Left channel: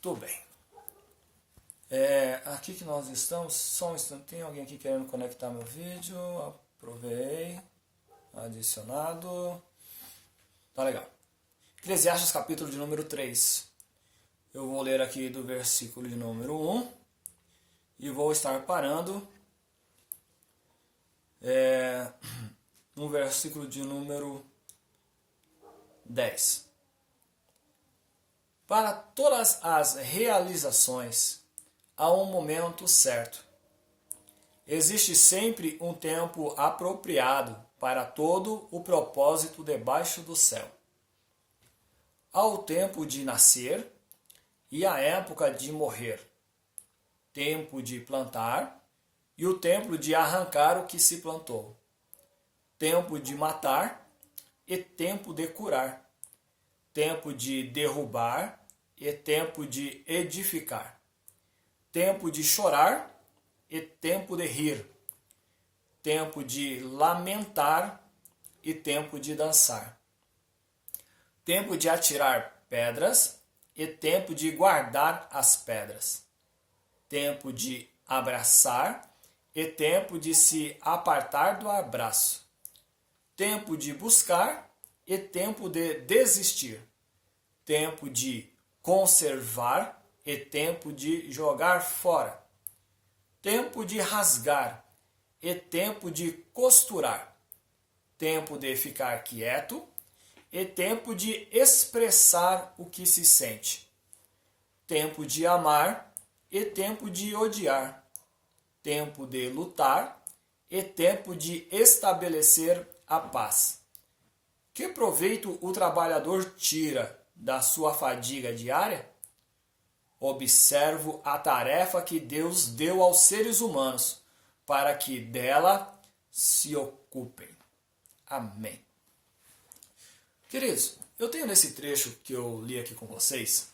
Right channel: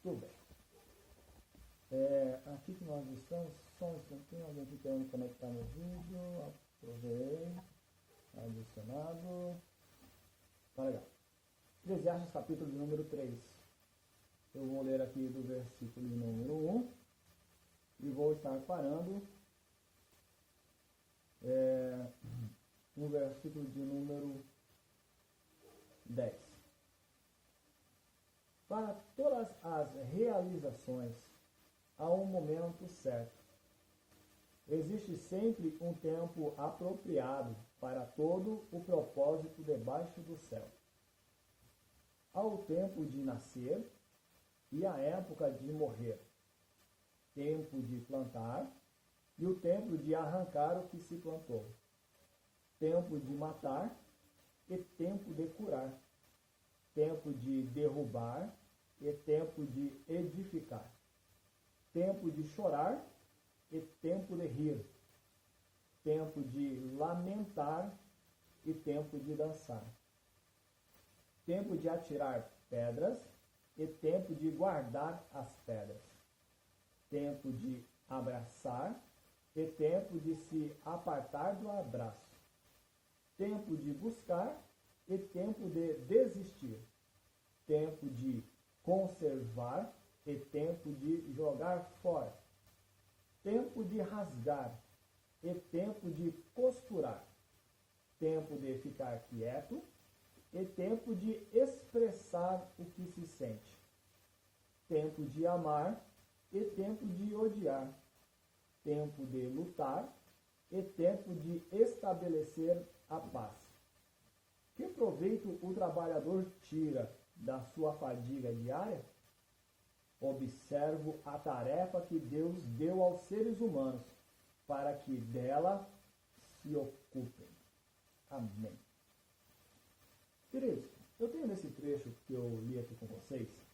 Tudo bem. Aqui que nós estamos, só um instante, tem alguém aqui querendo conectar meu vídeo, aprovei, adicionado, tá legal. Eclesiastes capítulo de número 3, eu vou ler aqui do versículo de número 1 e vou estar parando no versículo de número 10. Para todas as realizações, há um momento certo. Existe sempre um tempo apropriado para todo o propósito debaixo do céu. Há o tempo de nascer e a época de morrer, tempo de plantar e o tempo de arrancar o que se plantou, tempo de matar e tempo de curar, tempo de derrubar e tempo de edificar, tempo de chorar e tempo de rir, tempo de lamentar e tempo de dançar, tempo de atirar pedras e tempo de guardar as pedras, tempo de abraçar e tempo de se apartar do abraço, tempo de buscar e tempo de desistir, tempo de conservar e tempo de jogar fora, tempo de rasgar e tempo de costurar, tempo de ficar quieto e tempo de expressar o que se sente, tempo de amar e tempo de odiar, tempo de lutar e tempo de estabelecer a paz. Que proveito o trabalhador tira da sua fadiga diária? Observo a tarefa que Deus deu aos seres humanos para que dela se ocupem. Amém. Queridos, eu tenho nesse trecho que eu li aqui com vocês,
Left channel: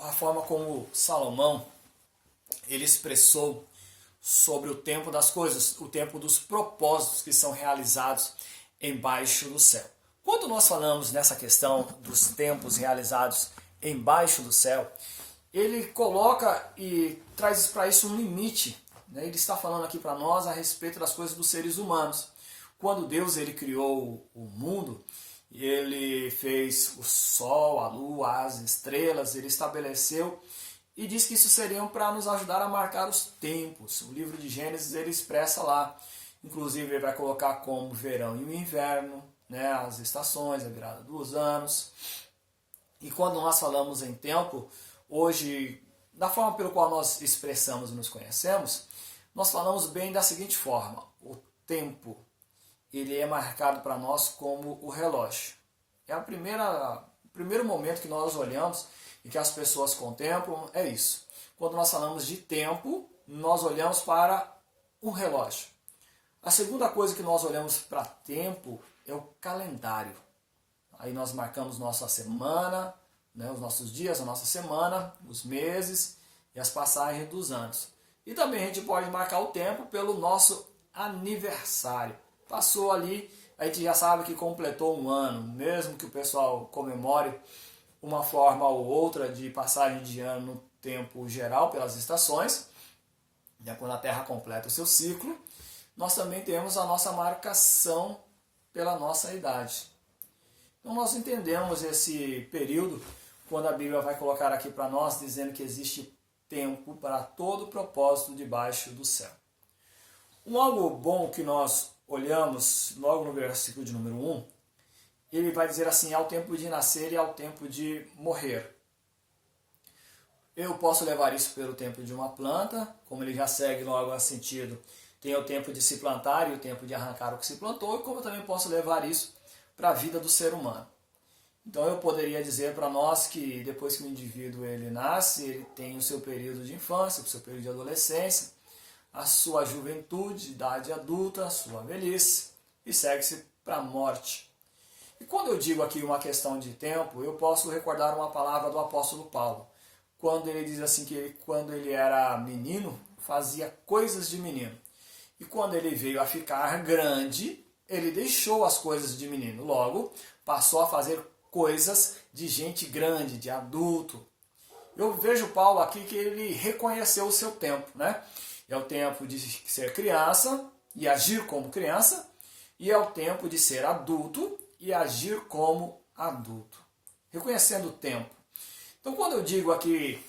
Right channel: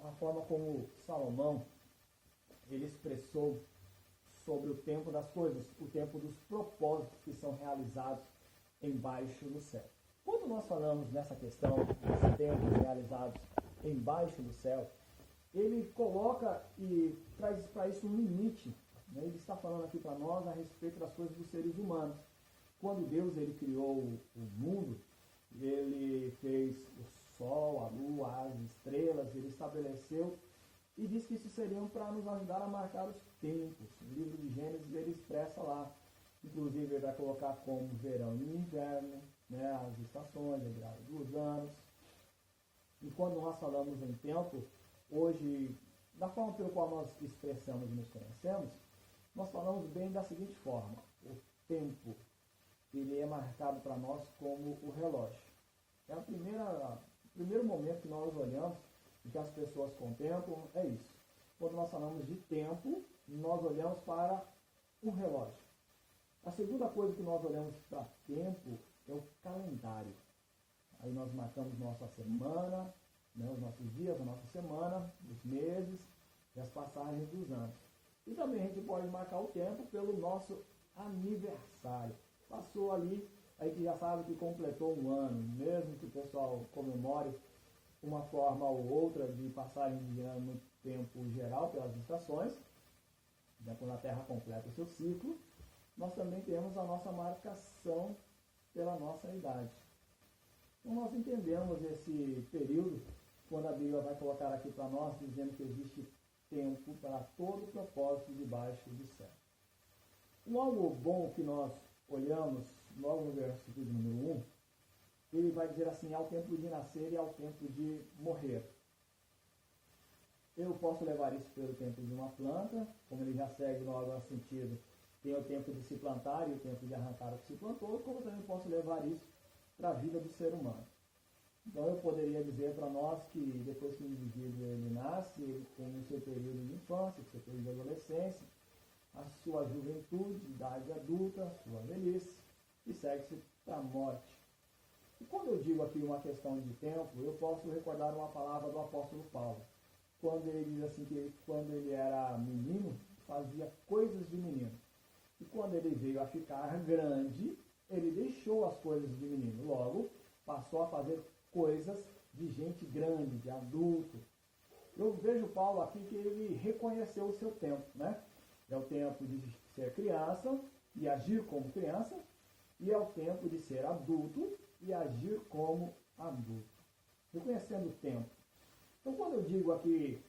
a forma como Salomão ele expressou sobre o tempo das coisas, o tempo dos propósitos que são realizados embaixo do céu. Quando nós falamos nessa questão dos tempos realizados embaixo do céu, ele coloca e traz para isso um limite, né? Ele está falando aqui para nós a respeito das coisas dos seres humanos. Quando Deus ele criou o mundo, ele fez o sol, a lua, as estrelas, ele estabeleceu e diz que isso seriam para nos ajudar a marcar os tempos. O livro de Gênesis ele expressa lá, inclusive ele vai colocar como verão e o inverno, né, as estações, a virada dos anos. E quando nós falamos em tempo, hoje, da forma pelo qual nós expressamos e nos conhecemos, nós falamos bem da seguinte forma: o tempo ele é marcado para nós como o relógio. É o primeiro momento que nós olhamos e que as pessoas contemplam, é isso. Quando nós falamos de tempo, nós olhamos para o relógio. A segunda coisa que nós olhamos para tempo é o calendário. Aí nós marcamos nossa semana, né, os nossos dias, a nossa semana, os meses e as passagens dos anos. E também a gente pode marcar o tempo pelo nosso aniversário. Passou ali, a gente já sabe que completou um ano, mesmo que o pessoal comemore uma forma ou outra de passagem de ano no tempo geral pelas estações, né, quando a Terra completa o seu ciclo, nós também temos a nossa marcação pela nossa idade. Então nós entendemos esse período quando a Bíblia vai colocar aqui para nós, dizendo que existe tempo para todo propósito debaixo do céu. Algo bom que nós olhamos logo no versículo de número 1, ele vai dizer assim: ao tempo de nascer e ao tempo de morrer. Eu posso levar isso pelo tempo de uma planta, como ele já segue logo a sentido, tem o tempo de se plantar e o tempo de arrancar o que se plantou, e como eu também posso levar isso para a vida do ser humano. Então eu poderia dizer para nós que depois que o indivíduo ele nasce, ele tem o seu período de infância, o seu período de adolescência, a sua juventude, idade adulta, a sua velhice, e segue-se para a morte. E quando eu digo aqui uma questão de tempo, eu posso recordar uma palavra do apóstolo Paulo, quando ele diz assim que quando ele era menino, fazia coisas de menino. E quando ele veio a ficar grande, ele deixou as coisas de menino. Logo, passou a fazer coisas de gente grande, de adulto. Eu vejo Paulo aqui que ele reconheceu o seu tempo, né? É o tempo de ser criança e agir como criança, e é o tempo de ser adulto e agir como adulto. Reconhecendo o tempo. Então, quando eu digo aqui,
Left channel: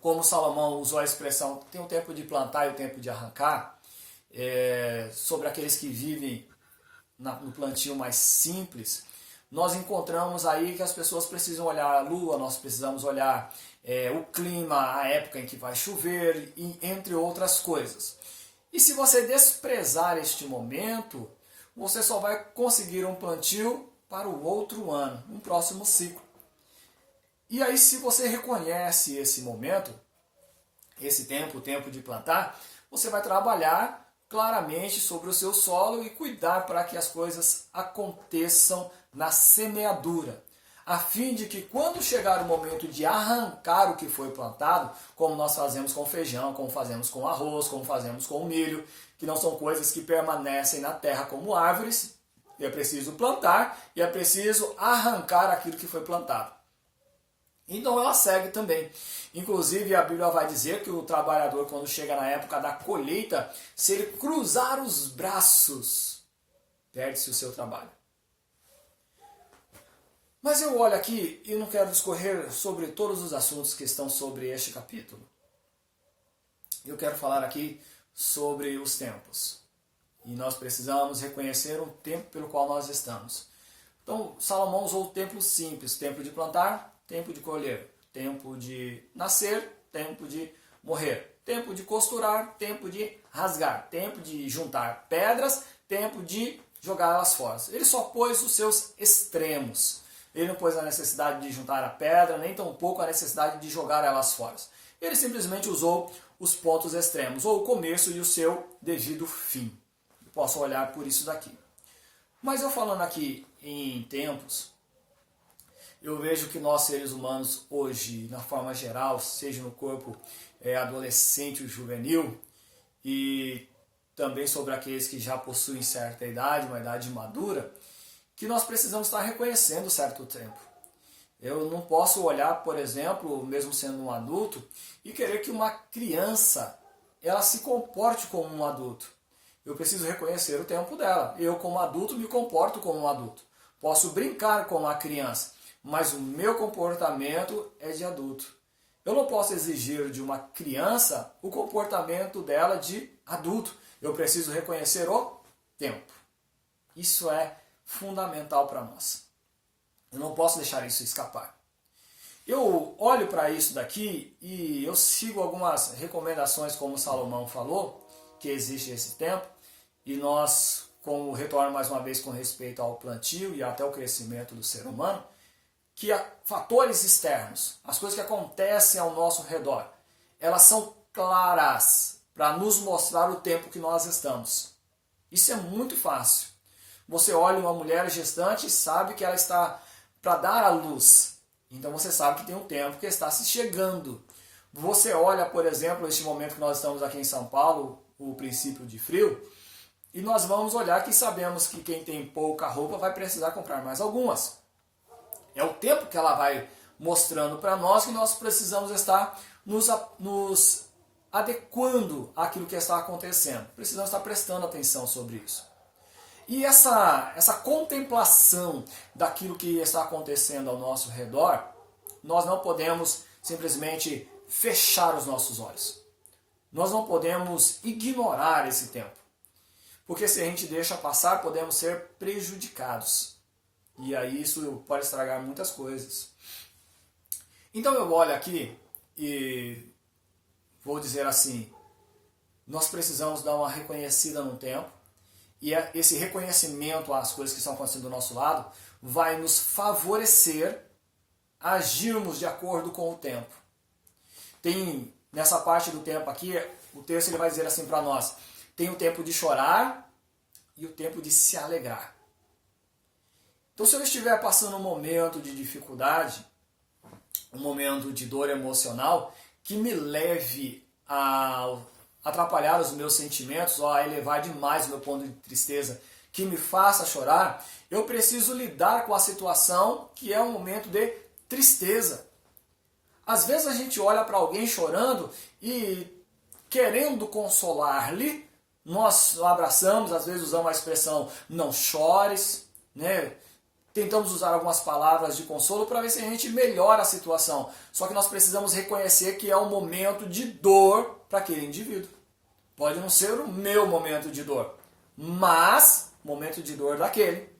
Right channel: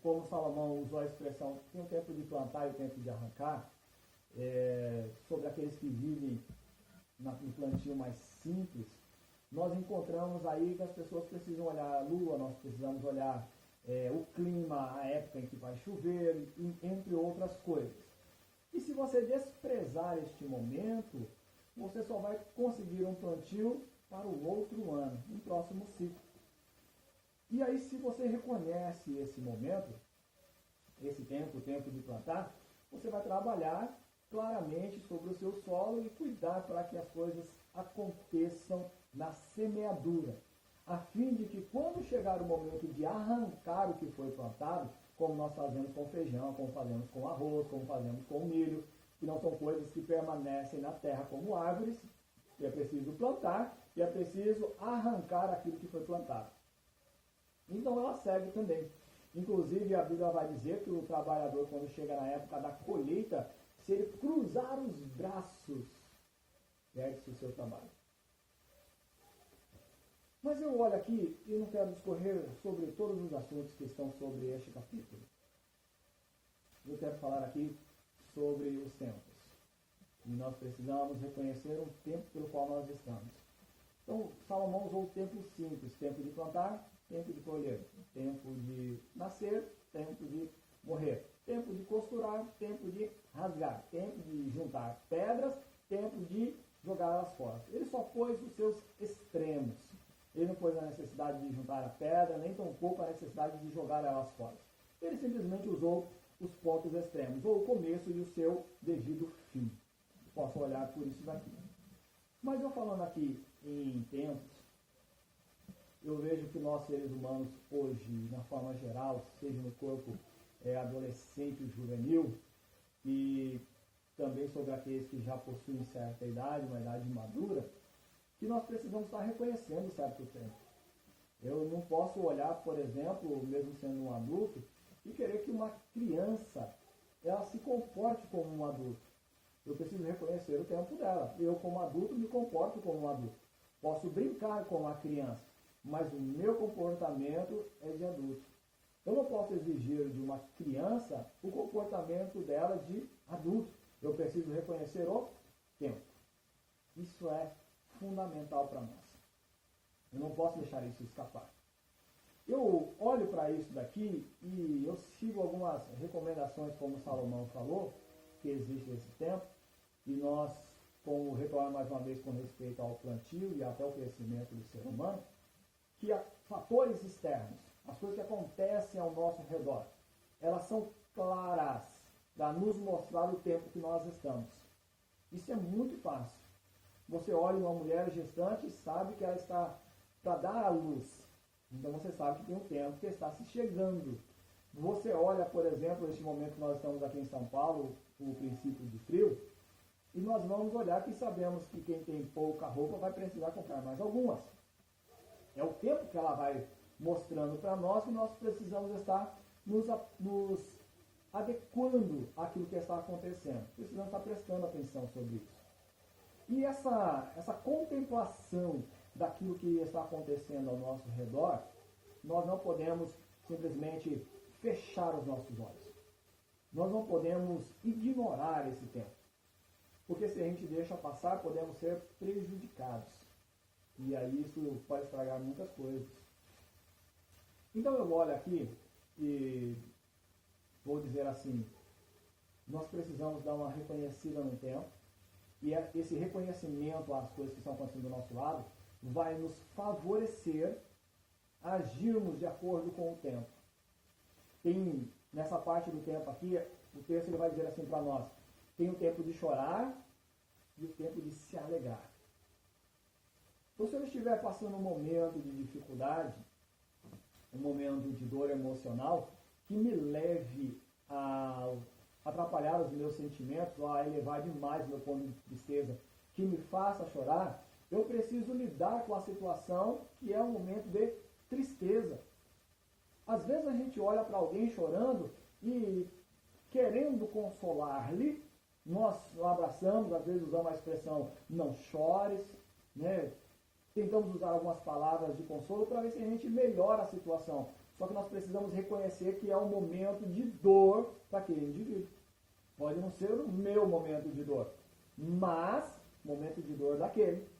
como Salomão usou a expressão, tem o tempo de plantar e o tempo de arrancar, sobre aqueles que vivem no plantio mais simples, nós encontramos aí que as pessoas precisam olhar a lua, nós precisamos olhar o clima, a época em que vai chover, entre outras coisas. E se você desprezar este momento, você só vai conseguir um plantio para o outro ano, um próximo ciclo. E aí, se você reconhece esse momento, esse tempo, o tempo de plantar, você vai trabalhar claramente sobre o seu solo e cuidar para que as coisas aconteçam na semeadura, a fim de que quando chegar o momento de arrancar o que foi plantado, como nós fazemos com feijão, como fazemos com arroz, como fazemos com milho, que não são coisas que permanecem na terra como árvores, é preciso plantar e é preciso arrancar aquilo que foi plantado. Então ela segue também. Inclusive a Bíblia vai dizer que o trabalhador, quando chega na época da colheita, se ele cruzar os braços, perde-se o seu trabalho. Mas eu olho aqui e não quero discorrer sobre todos os assuntos que estão sobre este capítulo. Eu quero falar aqui sobre os tempos. E nós precisamos reconhecer o tempo pelo qual nós estamos. Então, Salomão usou o tempo simples, tempo de plantar, tempo de colher, tempo de nascer, tempo de morrer, tempo de costurar, tempo de rasgar, tempo de juntar pedras, tempo de jogá-las fora. Ele só pôs os seus extremos. Ele não pôs a necessidade de juntar a pedra, nem tampouco a necessidade de jogar elas fora. Ele simplesmente usou os pontos extremos, ou o começo e o seu devido fim. Eu posso olhar por isso daqui. Mas eu falando aqui em tempos, eu vejo que nós seres humanos hoje, na forma geral, seja no corpo adolescente ou juvenil, e também sobre aqueles que já possuem certa idade, uma idade madura, que nós precisamos estar reconhecendo certo tempo. Eu não posso olhar, por exemplo, mesmo sendo um adulto, e querer que uma criança ela se comporte como um adulto. Eu preciso reconhecer o tempo dela. Eu, como adulto, me comporto como um adulto. Posso brincar com uma criança, mas o meu comportamento é de adulto. Eu não posso exigir de uma criança o comportamento dela de adulto. Eu preciso reconhecer o tempo. Isso é fundamental para nós. Eu não posso deixar isso escapar. Eu olho para isso daqui e eu sigo algumas recomendações, como Salomão falou, que existe esse tempo, e nós, como retorno mais uma vez com respeito ao plantio e até o crescimento do ser humano, que fatores externos, as coisas que acontecem ao nosso redor, elas são claras para nos mostrar o tempo que nós estamos. Isso é muito fácil. Você olha uma mulher gestante e sabe que ela está para dar à luz. Então você sabe que tem um tempo que está se chegando. Você olha, por exemplo, este momento que nós estamos aqui em São Paulo, o princípio de frio, e nós vamos olhar que sabemos que quem tem pouca roupa vai precisar comprar mais algumas. É o tempo que ela vai mostrando para nós que nós precisamos estar nos adequando àquilo que está acontecendo. Precisamos estar prestando atenção sobre isso. E essa contemplação daquilo que está acontecendo ao nosso redor, nós não podemos simplesmente fechar os nossos olhos. Nós não podemos ignorar esse tempo. Porque se a gente deixa passar, podemos ser prejudicados. E aí isso pode estragar muitas coisas. Então eu olho aqui e vou dizer assim, nós precisamos dar uma reconhecida no tempo, e esse reconhecimento às coisas que estão acontecendo do nosso lado vai nos favorecer a agirmos de acordo com o tempo. Tem, nessa parte do tempo aqui, o texto ele vai dizer assim para nós, tem o tempo de chorar e o tempo de se alegrar. Então se eu estiver passando um momento de dificuldade, um momento de dor emocional, que me leve a atrapalhar os meus sentimentos, ou a elevar demais o meu ponto de tristeza, que me faça chorar, eu preciso lidar com a situação que é um momento de tristeza. Às vezes a gente olha para alguém chorando e querendo consolar-lhe, nós abraçamos, às vezes usamos a expressão não chores, né? Tentamos usar algumas palavras de consolo para ver se a gente melhora a situação. Só que nós precisamos reconhecer que é um momento de dor para aquele indivíduo. Pode não ser o meu momento de dor, mas momento de dor daquele.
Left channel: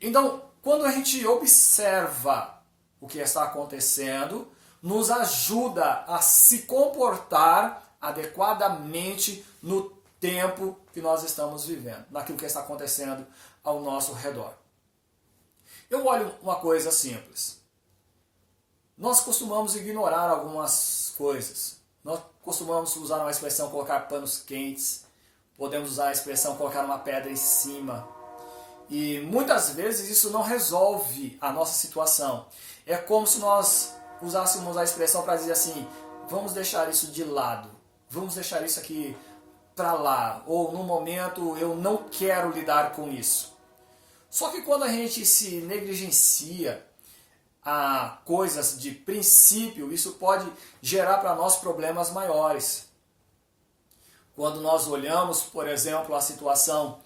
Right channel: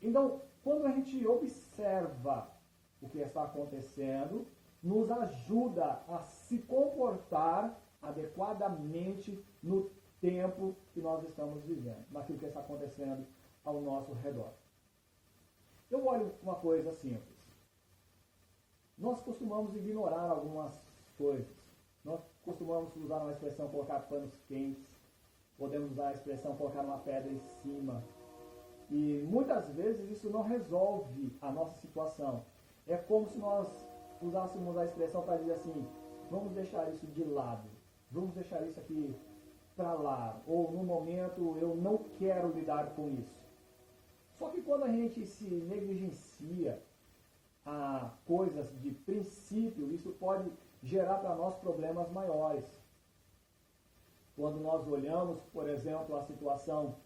Então, quando a gente observa o que está acontecendo, nos ajuda a se comportar adequadamente no tempo que nós estamos vivendo, naquilo que está acontecendo ao nosso redor. Eu olho uma coisa simples. Nós costumamos ignorar algumas coisas. Nós costumamos usar uma expressão colocar panos quentes. Podemos usar a expressão colocar uma pedra em cima. E muitas vezes isso não resolve a nossa situação. É como se nós usássemos a expressão para dizer assim, vamos deixar isso de lado. Vamos deixar isso aqui para lá. Ou no momento eu não quero lidar com isso. Só que quando a gente se negligencia a coisas de princípio, isso pode gerar para nós problemas maiores. Quando nós olhamos, por exemplo, a situação,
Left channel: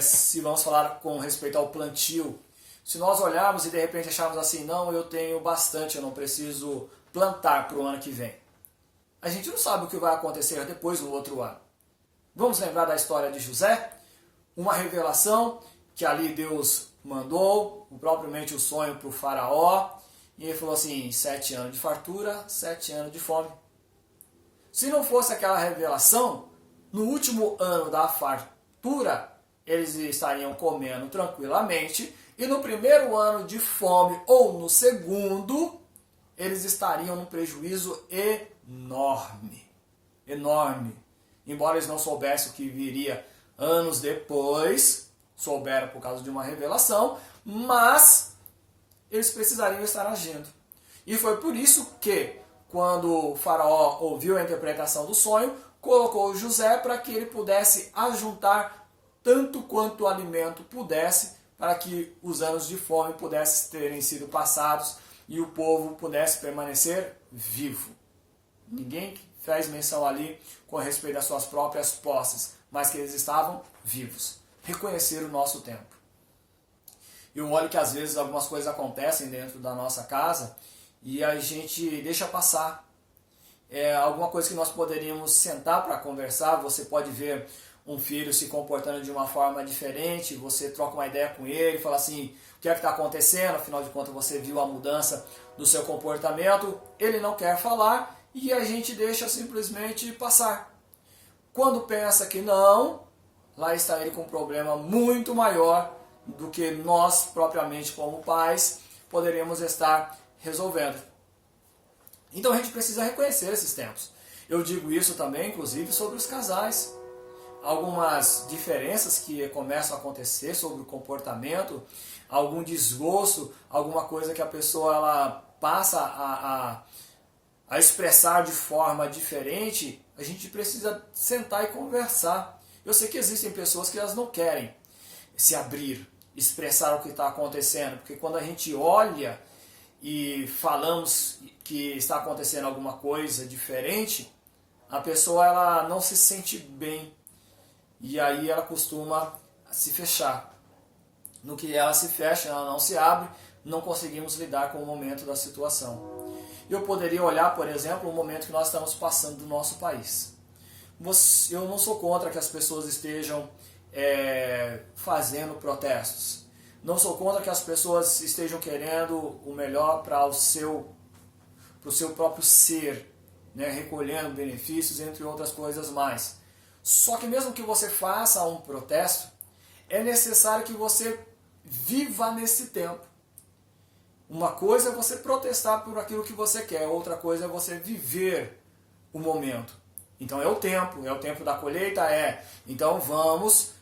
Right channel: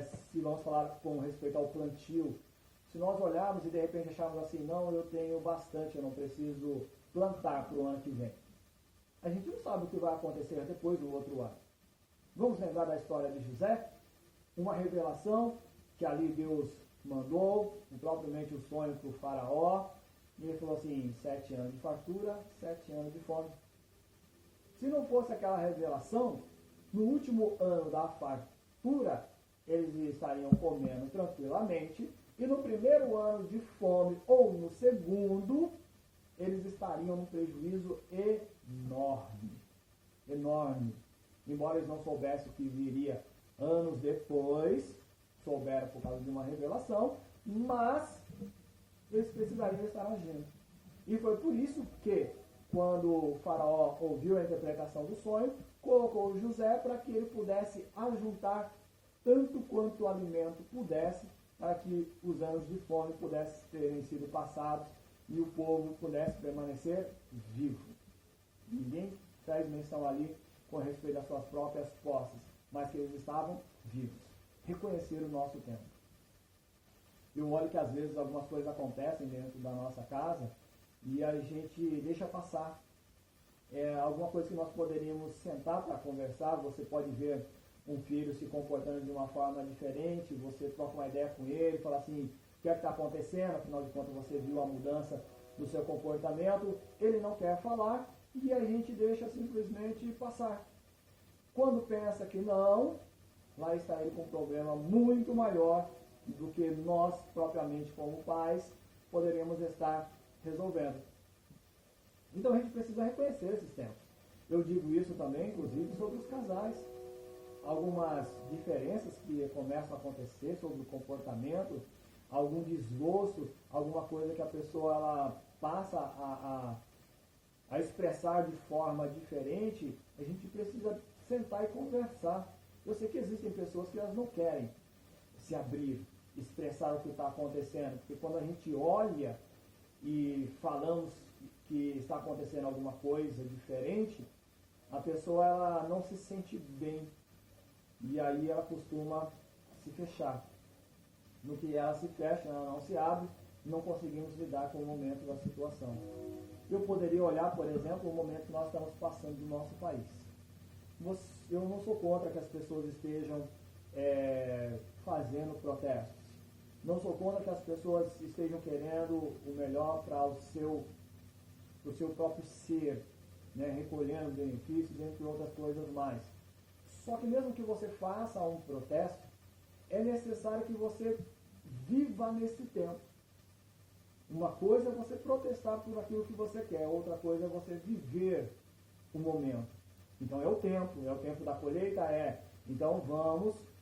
se vamos falar com respeito ao plantio, se nós olharmos e de repente acharmos assim, não, eu tenho bastante, eu não preciso plantar para o ano que vem. A gente não sabe o que vai acontecer depois do outro ano. Vamos lembrar da história de José? Uma revelação que ali Deus mandou, propriamente o sonho para o faraó, e ele falou assim, 7 anos de fartura, 7 anos de fome. Se não fosse aquela revelação, no último ano da fartura, eles estariam comendo tranquilamente, e no primeiro ano de fome, ou no segundo, eles estariam num prejuízo enorme. Enorme. Embora eles não soubessem o que viria anos depois, souberam por causa de uma revelação, mas eles precisariam estar agindo. E foi por isso que, quando o faraó ouviu a interpretação do sonho, colocou José para que ele pudesse ajuntar tanto quanto o alimento pudesse, para que os anos de fome pudessem terem sido passados e o povo pudesse permanecer vivo. Ninguém faz menção ali com respeito às suas próprias posses, mas que eles estavam vivos. Reconhecer o nosso tempo. Eu olho que às vezes algumas coisas acontecem dentro da nossa casa e a gente deixa passar. Alguma coisa que nós poderíamos sentar para conversar, você pode ver um filho se comportando de uma forma diferente, você troca uma ideia com ele, fala assim, o que é que está acontecendo? Afinal de contas você viu a mudança do seu comportamento, ele não quer falar e a gente deixa simplesmente passar. Quando pensa que não, lá está ele com um problema muito maior do que nós, propriamente como pais, poderíamos estar resolvendo. Então a gente precisa reconhecer esses tempos. Eu digo isso também, inclusive, sobre os casais. Algumas diferenças que começam a acontecer sobre o comportamento, algum desgosto, alguma coisa que a pessoa ela passa a expressar de forma diferente, a gente precisa sentar e conversar. Eu sei que existem pessoas que elas não querem se abrir, expressar o que está acontecendo, porque quando a gente olha e falamos que está acontecendo alguma coisa diferente, a pessoa ela não se sente bem e aí ela costuma se fechar. No que ela se fecha, ela não se abre, não conseguimos lidar com o momento da situação. Eu poderia olhar, por exemplo, o momento que nós estamos passando no nosso país. Eu não sou contra que as pessoas estejam fazendo protestos. Não sou contra que as pessoas estejam querendo o melhor para o seu próprio ser, né? Recolhendo benefícios, entre outras coisas mais. Só que mesmo que você faça um protesto, é necessário que você viva nesse tempo. Uma coisa é você protestar por aquilo que você quer, outra coisa é você viver o momento. Então é o tempo da colheita, então vamos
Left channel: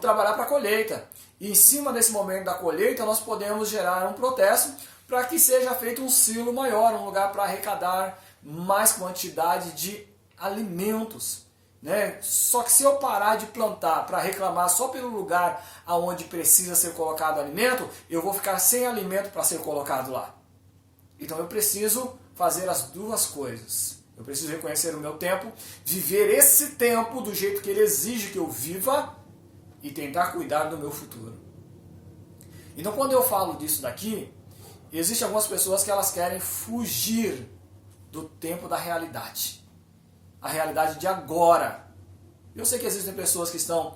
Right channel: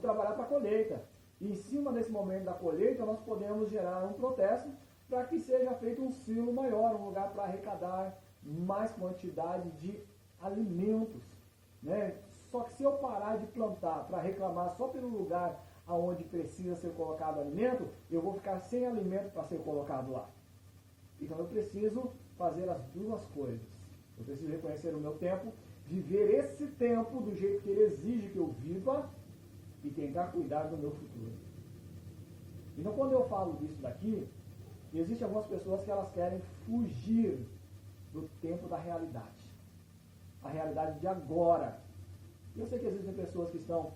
trabalhar para a colheita. E em cima desse momento da colheita nós podemos gerar um protesto para que seja feito um silo maior, um lugar para arrecadar mais quantidade de alimentos. né? Só que se eu parar de plantar para reclamar só pelo lugar aonde precisa ser colocado alimento, eu vou ficar sem alimento para ser colocado lá. Então eu preciso fazer as duas coisas. Eu preciso reconhecer o meu tempo, viver esse tempo do jeito que ele exige que eu viva e tentar cuidar do meu futuro. Então quando eu falo disso daqui, existem algumas pessoas que elas querem fugir do tempo da realidade. A realidade de agora. Eu sei que existem pessoas que estão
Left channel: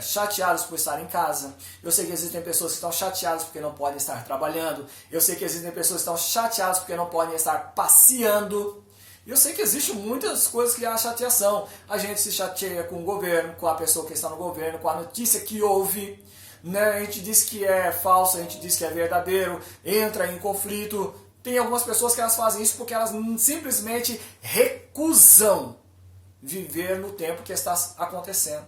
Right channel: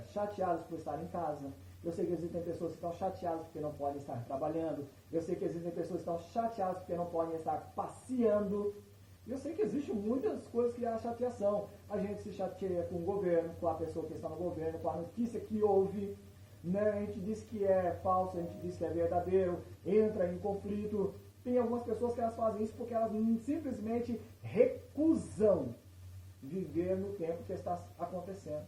chateadas por estar em casa. Eu sei que existem pessoas que estão chateadas porque não podem estar trabalhando. Eu sei que existem pessoas que estão chateadas porque não podem estar passeando. Eu sei que existem muitas coisas que há chateação. A gente se chateia com o governo, com a pessoa que está no governo, com a notícia que ouve. Né? A gente diz que é falso, a gente diz que é verdadeiro, entra em conflito. Tem algumas pessoas que elas fazem isso porque elas simplesmente recusam viver no tempo que está acontecendo.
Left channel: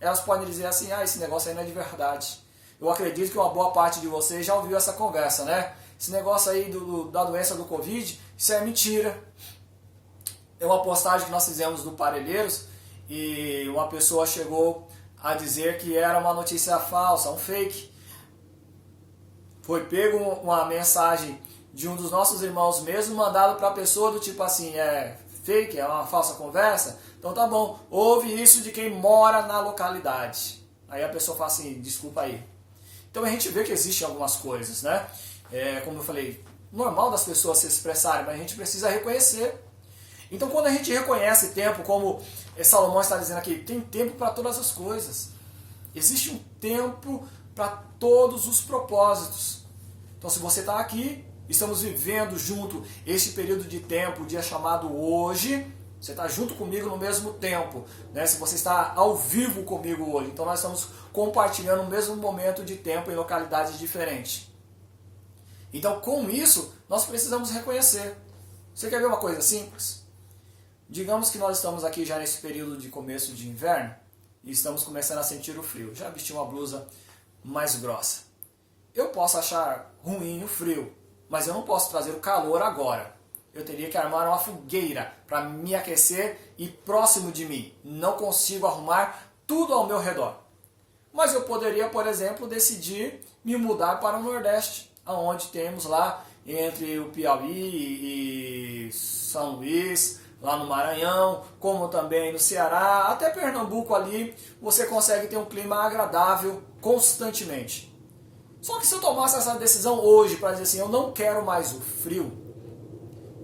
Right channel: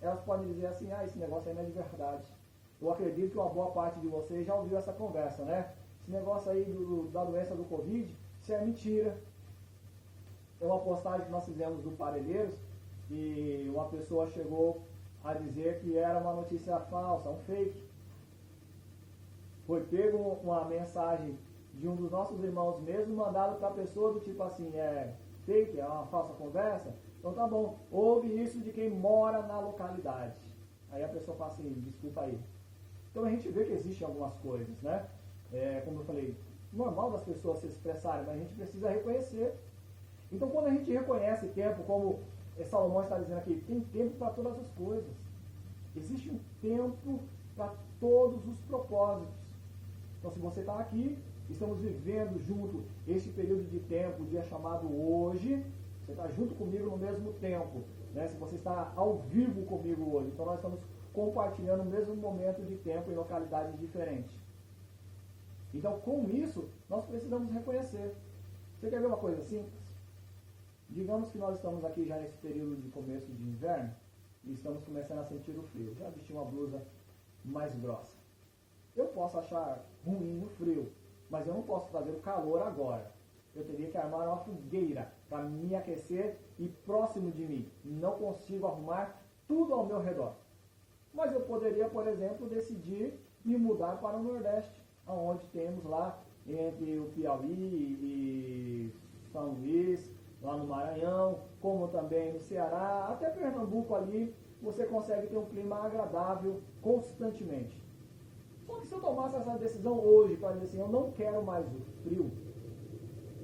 Elas podem dizer assim, esse negócio aí não é de verdade. Eu acredito que uma boa parte de vocês já ouviu essa conversa, né? Esse negócio aí da doença do Covid, isso é mentira. É uma postagem que nós fizemos do Parelheiros e uma pessoa chegou a dizer que era uma notícia falsa, um fake. Foi pego uma mensagem de um dos nossos irmãos mesmo, mandado para a pessoa do tipo assim, é fake, é uma falsa conversa. Então tá bom, ouve isso de quem mora na localidade. Aí a pessoa fala assim, desculpa aí. Então a gente vê que existem algumas coisas, né? Como eu falei, normal das pessoas se expressarem, mas a gente precisa reconhecer. Então quando a gente reconhece tempo, como Salomão está dizendo aqui, tem tempo para todas as coisas. Existe um tempo para todos os propósitos. Então se você está aqui, estamos vivendo junto este período de tempo, o dia chamado hoje, você está junto comigo no mesmo tempo, né? Se você está ao vivo comigo hoje, então nós estamos compartilhando o mesmo momento de tempo em localidades diferentes. Então com isso, nós precisamos reconhecer. Você quer ver uma coisa simples? Digamos que nós estamos aqui já nesse período de começo de inverno e estamos começando a sentir o frio. Já vesti uma blusa mais grossa. Eu posso achar ruim o frio, mas eu não posso trazer o calor agora. Eu teria que armar uma fogueira para me aquecer e próximo de mim. Não consigo arrumar tudo ao meu redor. Mas eu poderia, por exemplo, decidir me mudar para o Nordeste, onde temos lá entre o Piauí e São Luís, lá no Maranhão, como também no Ceará, até Pernambuco ali, você consegue ter um clima agradável constantemente. Só que se eu tomasse essa decisão hoje para dizer assim, eu não quero mais o frio,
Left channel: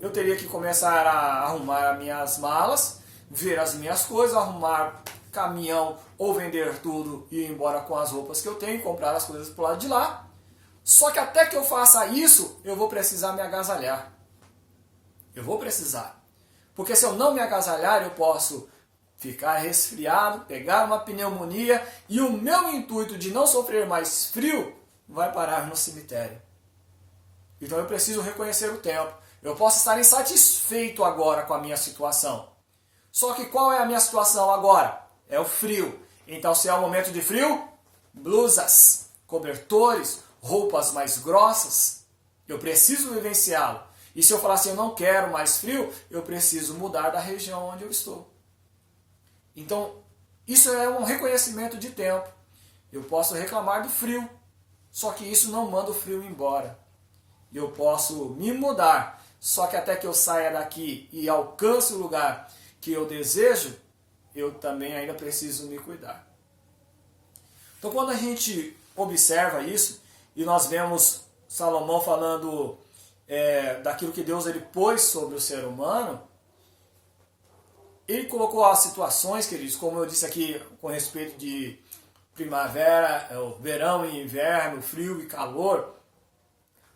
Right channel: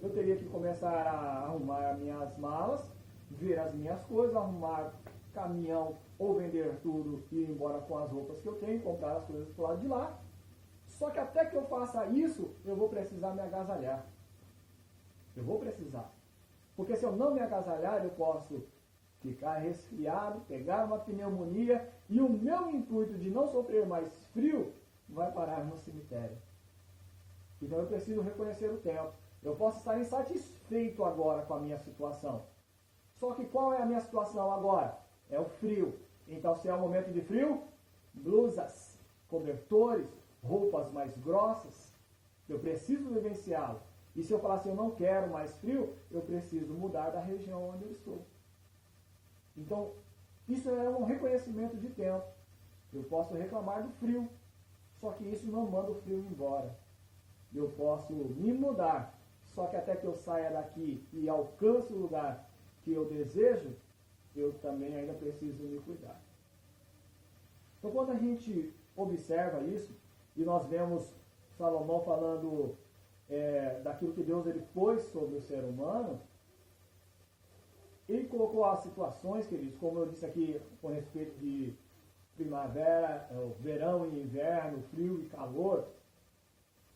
eu teria que começar a arrumar as minhas malas, ver as minhas coisas, arrumar caminhão ou vender tudo e ir embora com as roupas que eu tenho, comprar as coisas pro lado de lá. Só que até que eu faça isso, eu vou precisar me agasalhar. Eu vou precisar. Porque se eu não me agasalhar, eu posso ficar resfriado, pegar uma pneumonia e o meu intuito de não sofrer mais frio vai parar no cemitério. Então eu preciso reconhecer o tempo. Eu posso estar insatisfeito agora com a minha situação. Só que qual é a minha situação agora? É o frio. Então se é o momento de frio, blusas, cobertores, roupas mais grossas, eu preciso vivenciá-lo. E se eu falar assim, eu não quero mais frio, eu preciso mudar da região onde eu estou. Então, isso é um reconhecimento de tempo. Eu posso reclamar do frio, só que isso não manda o frio embora. Eu posso me mudar, só que até que eu saia daqui e alcance o lugar que eu desejo, eu também ainda preciso me cuidar. Então, quando a gente observa isso, e nós vemos Salomão falando daquilo que Deus ele pôs sobre o ser humano, ele colocou as situações, queridos, como eu disse aqui com respeito de primavera, verão e inverno, frio e calor,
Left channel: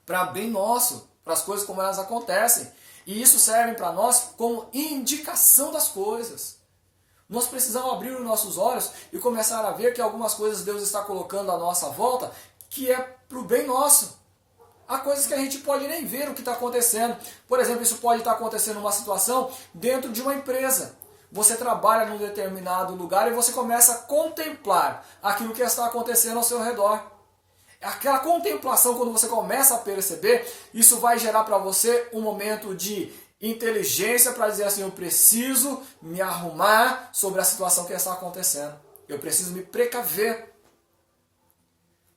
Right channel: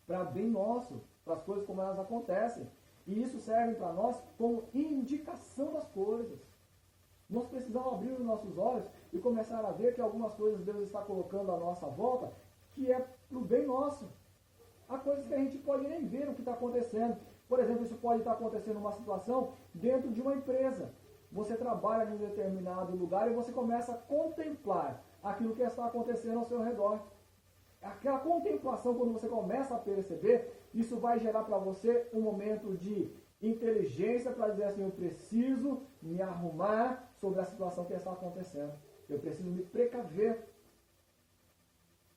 para bem nosso, para as coisas como elas acontecem. E isso serve para nós como indicação das coisas. Nós precisamos abrir os nossos olhos e começar a ver que algumas coisas Deus está colocando à nossa volta que é para o bem nosso. Há coisas que a gente pode nem ver o que está acontecendo. Por exemplo, isso pode estar acontecendo numa situação dentro de uma empresa. Você trabalha num determinado lugar e você começa a contemplar aquilo que está acontecendo ao seu redor. Aquela contemplação, quando você começa a perceber, isso vai gerar para você um momento de inteligência para dizer assim, eu preciso me arrumar sobre a situação que está acontecendo. Eu preciso me precaver.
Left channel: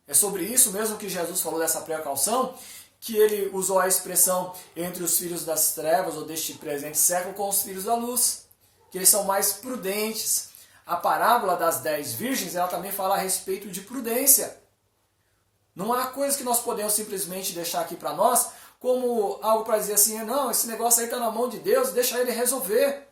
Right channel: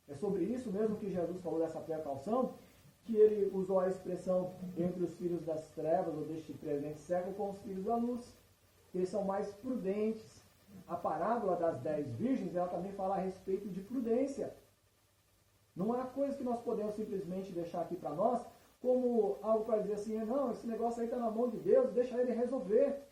É sobre isso mesmo que Jesus falou dessa precaução, que ele usou a expressão entre os filhos das trevas ou deste presente século com os filhos da luz, que eles são mais prudentes. A parábola das 10 virgens, ela também fala a respeito de prudência. Não há coisa que nós podemos simplesmente deixar aqui para nós como algo para dizer assim, não, esse negócio aí está na mão de Deus, deixa ele resolver.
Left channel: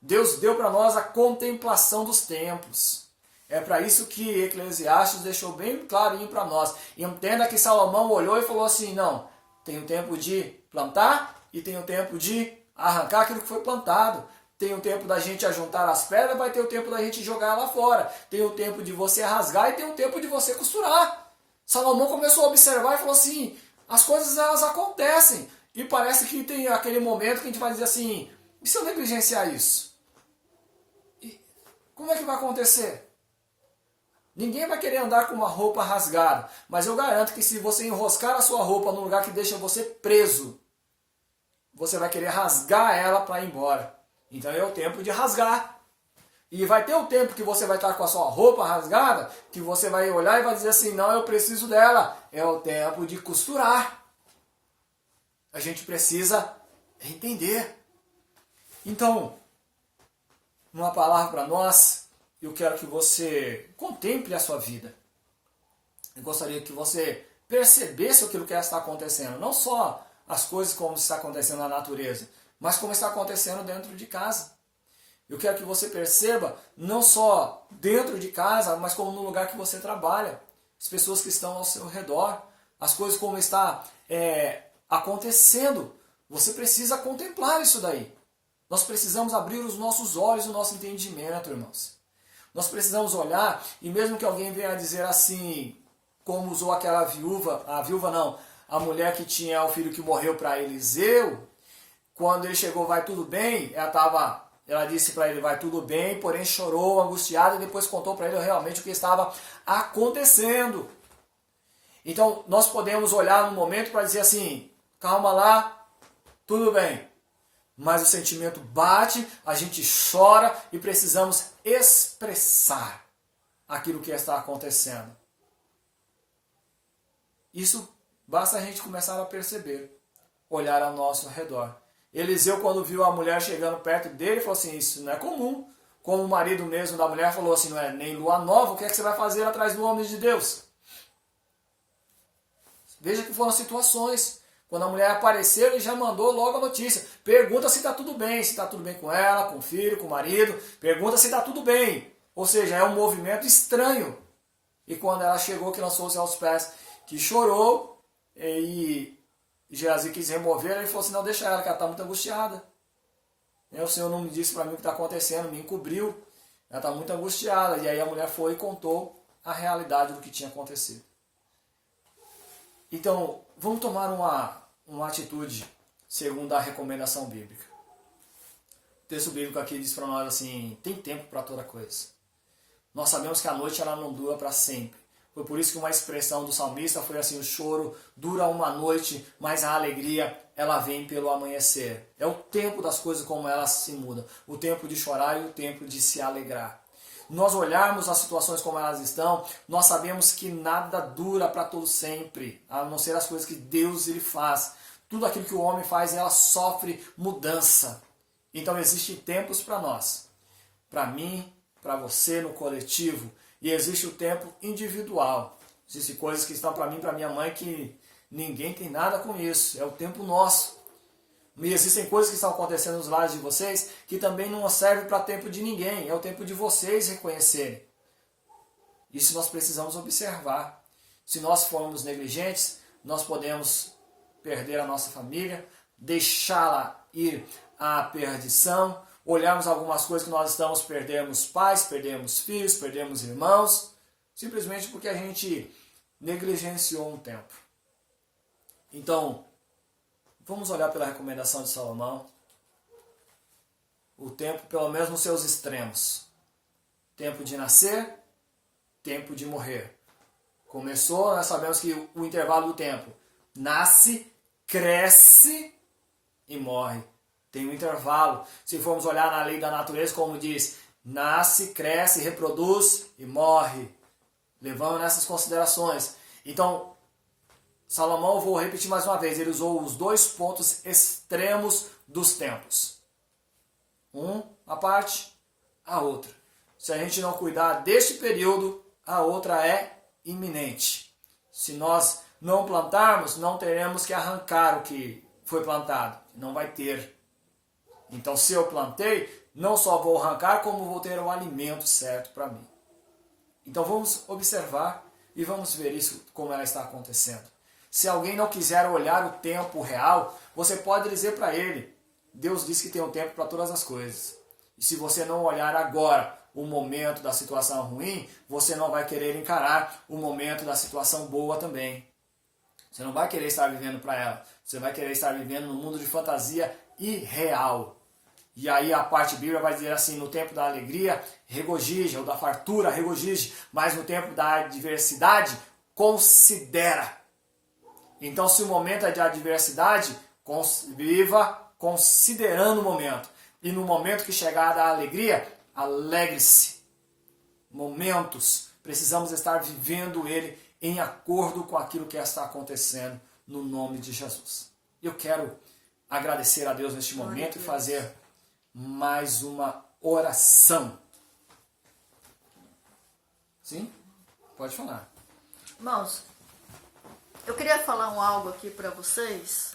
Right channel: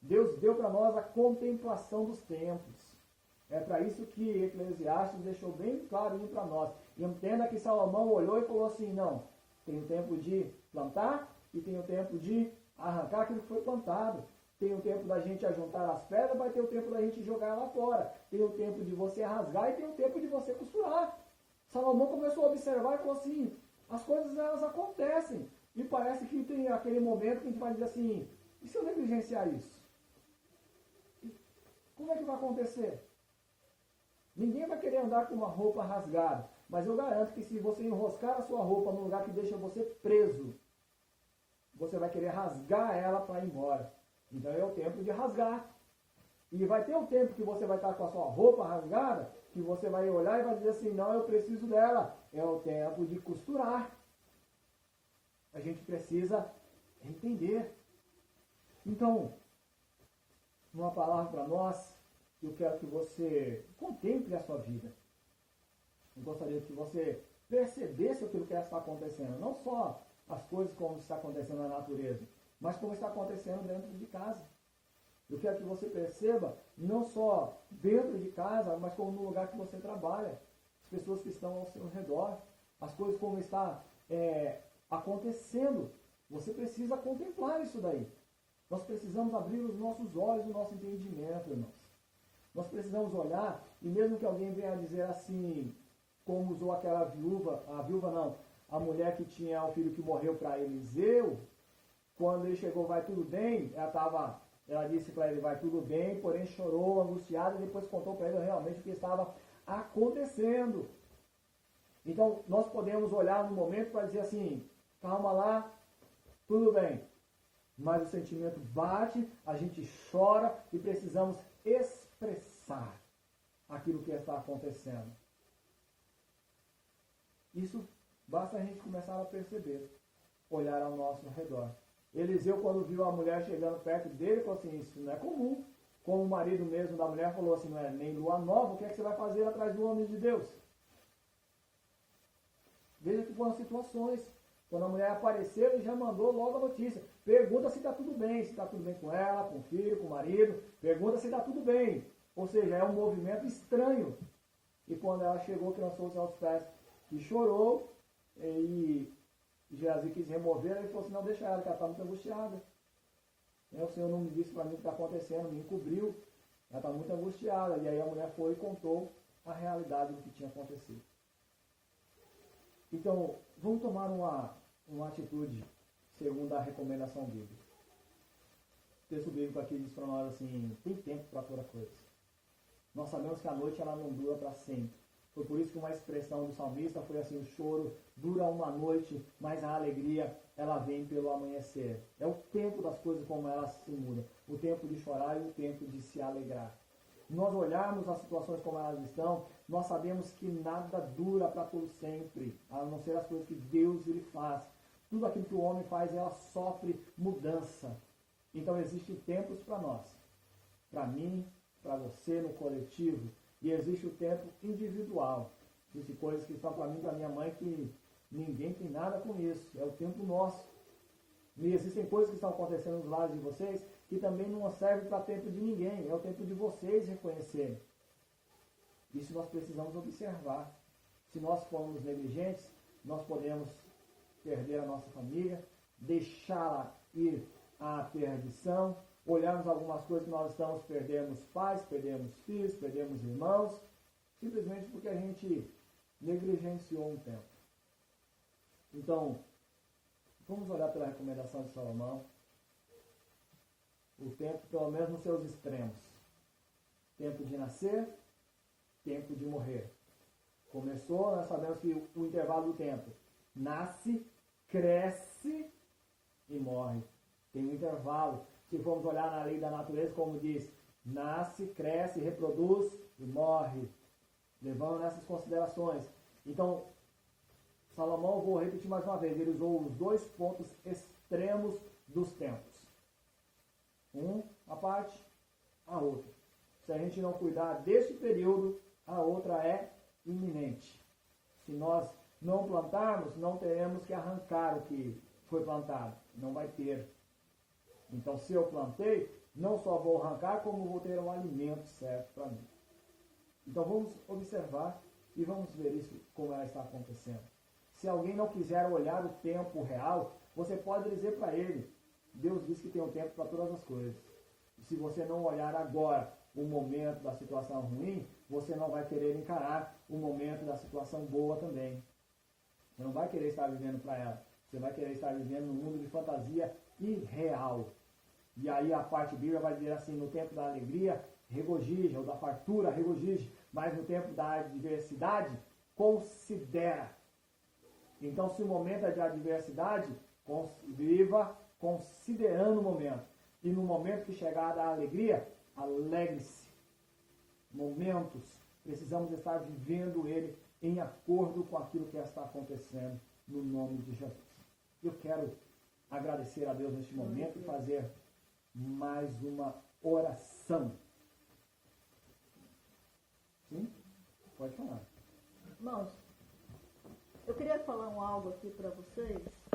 Deus deu para nós a contemplação dos tempos. É para isso que Eclesiastes deixou bem clarinho para nós. Entenda que Salomão olhou e falou assim, não, tem o tempo de plantar e tem o tempo de arrancar aquilo que foi plantado. Tem o tempo da gente ajuntar as pedras, vai ter o tempo da gente jogar lá fora. Tem o tempo de você rasgar e tem o tempo de você costurar. Salomão começou a observar e falou assim, as coisas elas acontecem. E parece que tem aquele momento que a gente vai dizer assim, e se eu negligenciar isso? E como é que vai acontecer? Ninguém vai querer andar com uma roupa rasgada, mas eu garanto que se você enroscar a sua roupa num lugar que deixa você preso, você vai querer rasgar ela para ir embora. Então é o tempo de rasgar. E vai ter o tempo que você vai estar com a sua roupa rasgada, que você vai olhar e vai dizer assim, não, eu preciso dela. É o tempo de costurar. A gente precisa entender. Então, uma palavra para nós, eu quero que você contemple a sua vida. Eu gostaria que você percebesse aquilo que está acontecendo. Não só as coisas como está acontecendo na natureza, mas como está acontecendo dentro de casa. Eu quero que você perceba, não só dentro de casa, mas como no lugar que você trabalha. As pessoas que estão ao seu redor. As coisas como está acontecendo. Você precisa contemplar isso daí. Nós precisamos abrir os nossos olhos, o nosso entendimento, irmãos. Nós precisamos olhar, e mesmo que alguém venha dizer assim, como usou aquela viúva, a mulher que tinha o filho que morreu para Eliseu, quando ele chegou, vai tudo bem, ela disse para ele, vai tudo bem, porém chorou, angustiada, e depois contou para ele realmente o que estava acontecendo. Então, nós podemos olhar no momento para dizer assim, calma lá, tudo bem. Mas o sentimento bate, a gente chora e precisamos expressar aquilo que está acontecendo. Isso basta a gente começar a perceber, olhar ao nosso redor. Eliseu, quando viu a mulher chegando perto dele, falou assim, isso não é comum. Como o marido mesmo da mulher falou assim, não é nem lua nova, o que é que você vai fazer atrás do homem de Deus? Veja que foram situações. Quando a mulher apareceu, ele já mandou logo a notícia. Pergunta se está tudo bem, se está tudo bem com ela, com o filho, com o marido. Pergunta se está tudo bem. Ou seja, é um movimento estranho. E quando ela chegou, que lançou-se aos pés, que chorou, e Geazi quis remover, ele falou assim, não, deixa ela, que ela está muito angustiada. O Senhor não me disse para mim o que está acontecendo, me encobriu. Ela está muito angustiada. E aí a mulher foi e contou a realidade do que tinha acontecido. Então, vamos tomar uma atitude segundo a recomendação bíblica. O texto bíblico aqui diz para nós assim, tem tempo para toda coisa. Nós sabemos que a noite ela não dura para sempre. Foi por isso que uma expressão do salmista foi assim, o choro dura uma noite, mas a alegria ela vem pelo amanhecer. É o tempo das coisas como elas se mudam. O tempo de chorar e o tempo de se alegrar. Nós olharmos as situações como elas estão, nós sabemos que nada dura para todo sempre, a não ser as coisas que Deus ele faz. Tudo aquilo que o homem faz, ela sofre mudança. Então existem tempos para nós, para mim, para você no coletivo, e existe o tempo individual. Existem coisas que estão para mim, para minha mãe, que ninguém tem nada com isso, é o tempo nosso. E existem coisas que estão acontecendo nos lares de vocês que também não servem para tempo de ninguém. É o tempo de vocês reconhecerem. Isso nós precisamos observar. Se nós formos negligentes, nós podemos perder a nossa família, deixá-la ir à perdição, olharmos algumas coisas que nós estamos, perdemos pais, perdemos filhos, perdemos irmãos, simplesmente porque a gente negligenciou um tempo. Então, vamos olhar pela recomendação de Salomão. O tempo, pelo menos nos seus extremos. Tempo de nascer, tempo de morrer. Começou, nós sabemos que o intervalo do tempo. Nasce, cresce e morre. Tem um intervalo. Se formos olhar na lei da natureza, como diz, nasce, cresce, reproduz e morre. Levando nessas considerações. Então, Salomão, vou repetir mais uma vez, ele usou os dois pontos extremos dos tempos. A parte, a outra. Se a gente não cuidar deste período, a outra é iminente. Se nós não plantarmos, não teremos que arrancar o que foi plantado. Não vai ter. Então, se eu plantei, não só vou arrancar, como vou ter o alimento certo para mim. Então, vamos observar e vamos ver isso, como ela está acontecendo. Se alguém não quiser olhar o tempo real, você pode dizer para ele, Deus diz que tem um tempo para todas as coisas. E se você não olhar agora o momento da situação ruim, você não vai querer encarar o momento da situação boa também. Você não vai querer estar vivendo para ela. Você vai querer estar vivendo num mundo de fantasia irreal. E aí a parte bíblica vai dizer assim, no tempo da alegria, regozije, ou da fartura, regozije, mas no tempo da adversidade, considera. Então, se o momento é de adversidade, viva considerando o momento. E no momento que chegar a alegria, alegre-se. Momentos, precisamos estar vivendo ele em acordo com aquilo que está acontecendo no nome de Jesus. Eu quero agradecer a Deus neste momento e fazer mais uma oração. Sim? Pode falar. Irmãos, eu queria falar algo aqui para vocês.